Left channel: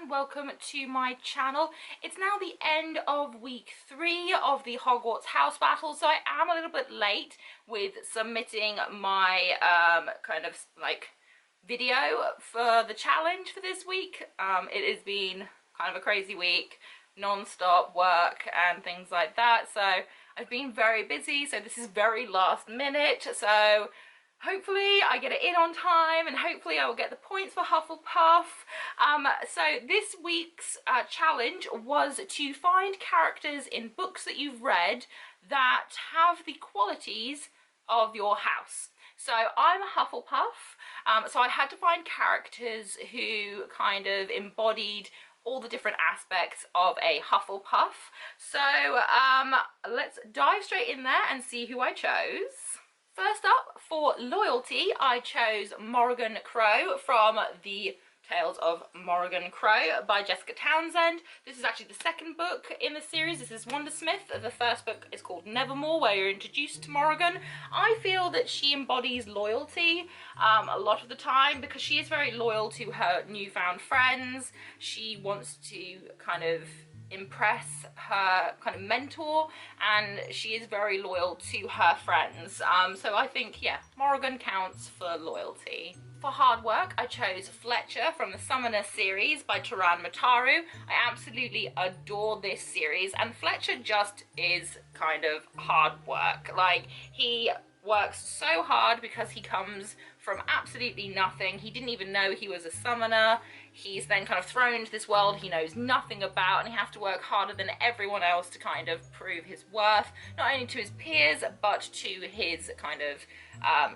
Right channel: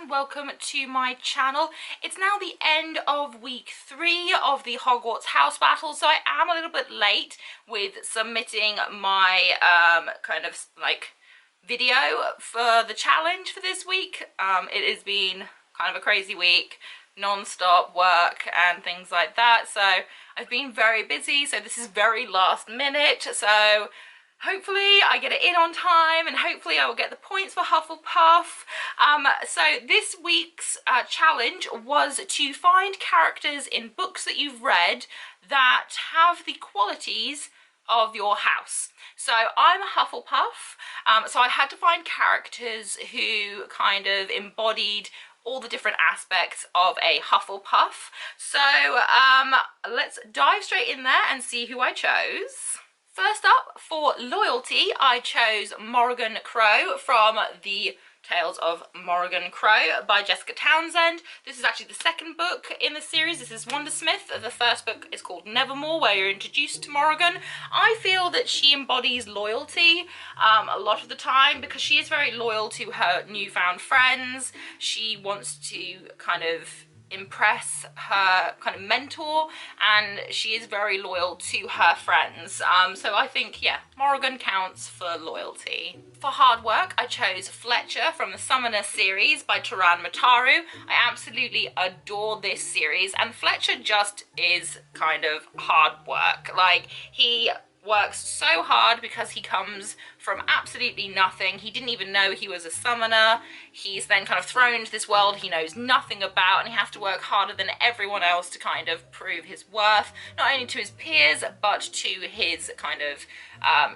and welcome to my channel. It's now the end of week 3 of the Hogwarts house battle, so I am a little bit late with submitting my kind of like video for the challenge for this week. It has been kind of a crazy week, non-stop work and things like that, so I've been very busy, so this is very last minute, so hopefully I get it in on time and hopefully I will get the points for Hufflepuff. So this week's challenge was to find characters in books that you've read that have the qualities of your house. So I'm a Hufflepuff, so I had to find characters who kind of embodied all the different aspects of a Hufflepuff. So let's dive straight in there and see who I chose. First up, for loyalty, I chose Morrigan Crow from the Tales of Morrigan Crow by Jessica Townsend. This is actually the second book in the series. This is Wondersmith. The first book is called Nevermore, where you're introduced to Morrigan. I feel that she embodies loyalty a lot of the time because she is very loyal to her newfound friends. She wants to kind of impress her kind of mentor, and she is very loyal to her friends. So I think, yeah, Morrigan counts for loyalty. For hard work, I chose Fletcher from the Summoner series by Taran Mataru. I absolutely adore this series, and Fletcher just is kind of hard work. Like, he works so hard because he comes from absolutely nothing. He didn't even know he was a summoner. He's then kind of thrown into this world he knows nothing about, and he has to work harder than everyone else to kind of prove his worth, not only to his peers but to his kind of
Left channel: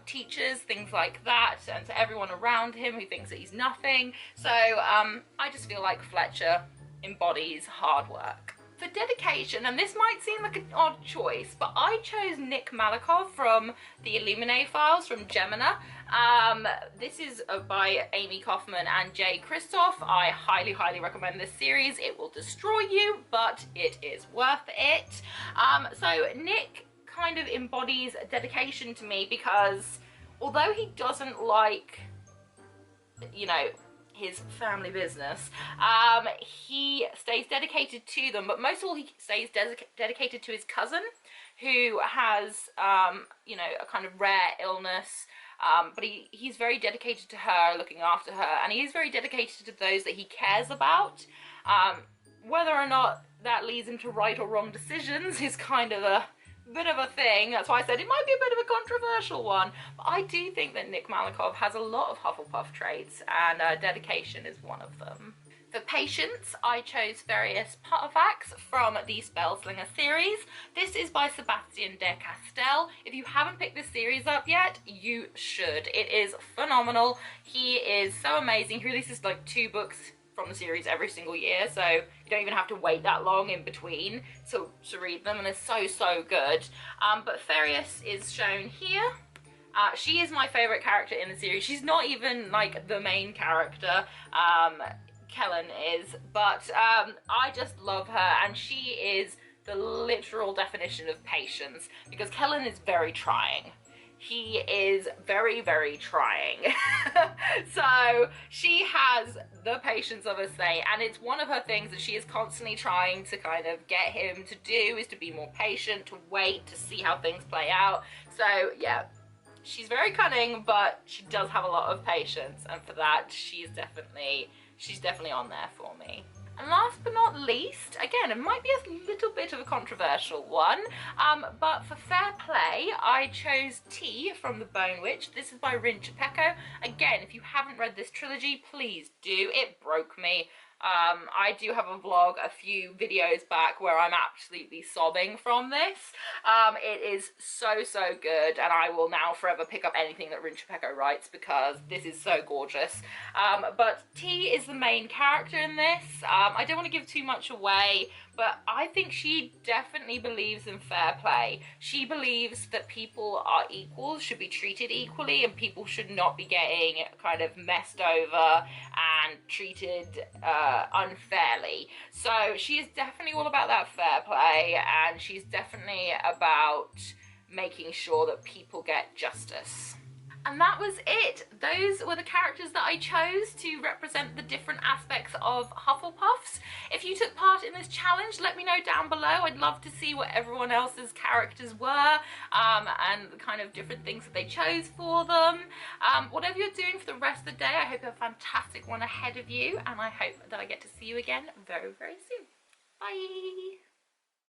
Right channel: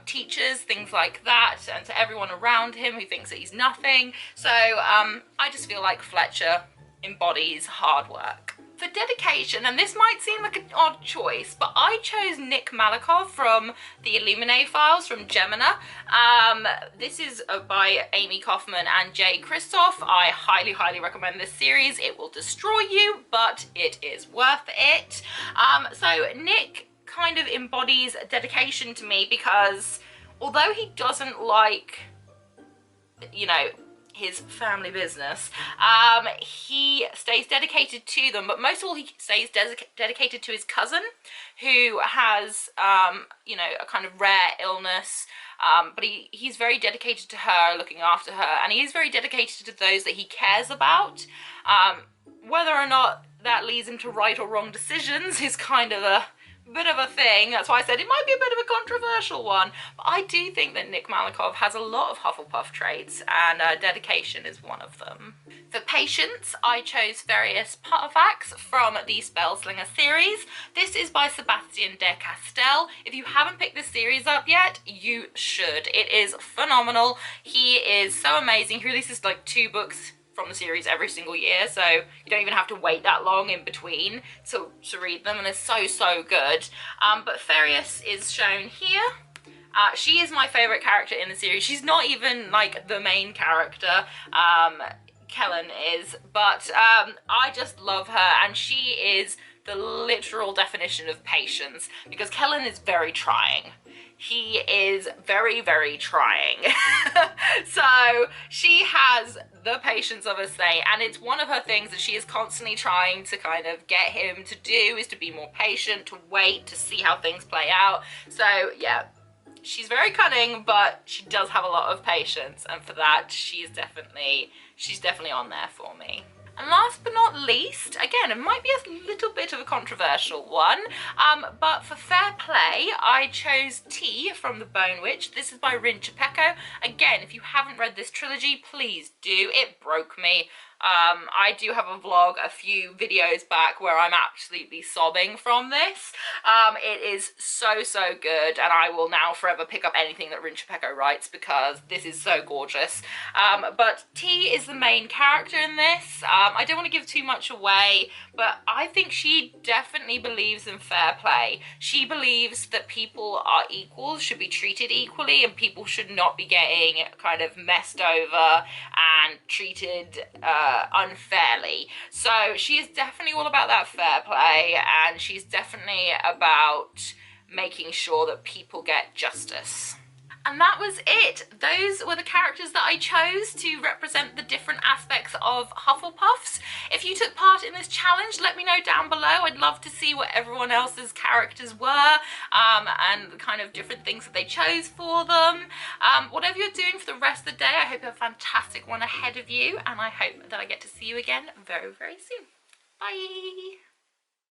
teachers, things like that, and to everyone around him who thinks that he's nothing. So I just feel like Fletcher embodies hard work. For dedication, and this might seem like an odd choice, but I chose Nick Malakoff from the Illuminae Files from Gemina. This is by Amy Kaufman and Jay Kristoff. I highly recommend this series. It will destroy you, but it is worth it. So Nick kind of embodies dedication to me because although he doesn't like, you know, his family business, he stays dedicated to them, but most of all he stays dedicated to his cousin, who has you know, a kind of rare illness, but he's very dedicated to her, looking after her, and he is very dedicated to those that he cares about. Whether or not that leads him to right or wrong decisions is kind of a bit of a thing. That's why I said it might be a bit of a controversial one, but I do think that Nick Malakoff has a lot of Hufflepuff traits, and dedication is one of them. For patience, I chose Various Pottervax from the Spellslinger series. This is by Sebastian de Castell. If you haven't picked this series up yet, you should. It is phenomenal. He is so amazing. He releases like 2 books from the series every single year, so you don't even have to wait that long in between to read them, and they're so good. But Farius is shown here. She is my favourite character in the series. She's not even like the main character, Kellen is, but I just love her, and she is the literal definition of patience, because Kellen is very trying. He is very trying. So she has the patience of a saint, and it's one of her things that she is constantly trying to kind of get him to do, is to be more patient, to wait, to see how things play out. So yeah, she's very cunning, but she does have a lot of patience, and for that she's definitely on there for me. And last but not least, again, it might be a little bit of a controversial one, but for fair play, I chose T from The Bone Witch. This is by Rin Chapeko. Again, if you haven't read this trilogy, please do. It broke me. I do have a vlog a few videos back where I'm absolutely sobbing from this. It is so good, and I will now forever pick up anything that Rin Chapeko writes because this is so gorgeous. But T is the main character in this. I don't want to give too much away, but I think she definitely believes in fair play. She believes that people are equal, should be treated equally, and people should not be getting kind of messed over and treated unfairly. So she is definitely all about that fair play, and she's definitely about making sure that people get justice. And that was it. Those were the characters that I chose to represent the different aspects of Hufflepuffs. If you took part in this challenge, let me know down below. I'd love to see what everyone else's characters were, and the kind of different things that they chose for them. Whatever you're doing for the rest of the day, I hope you have a fantastic one ahead of you, and I hope that I get to see you again very, very soon. Bye!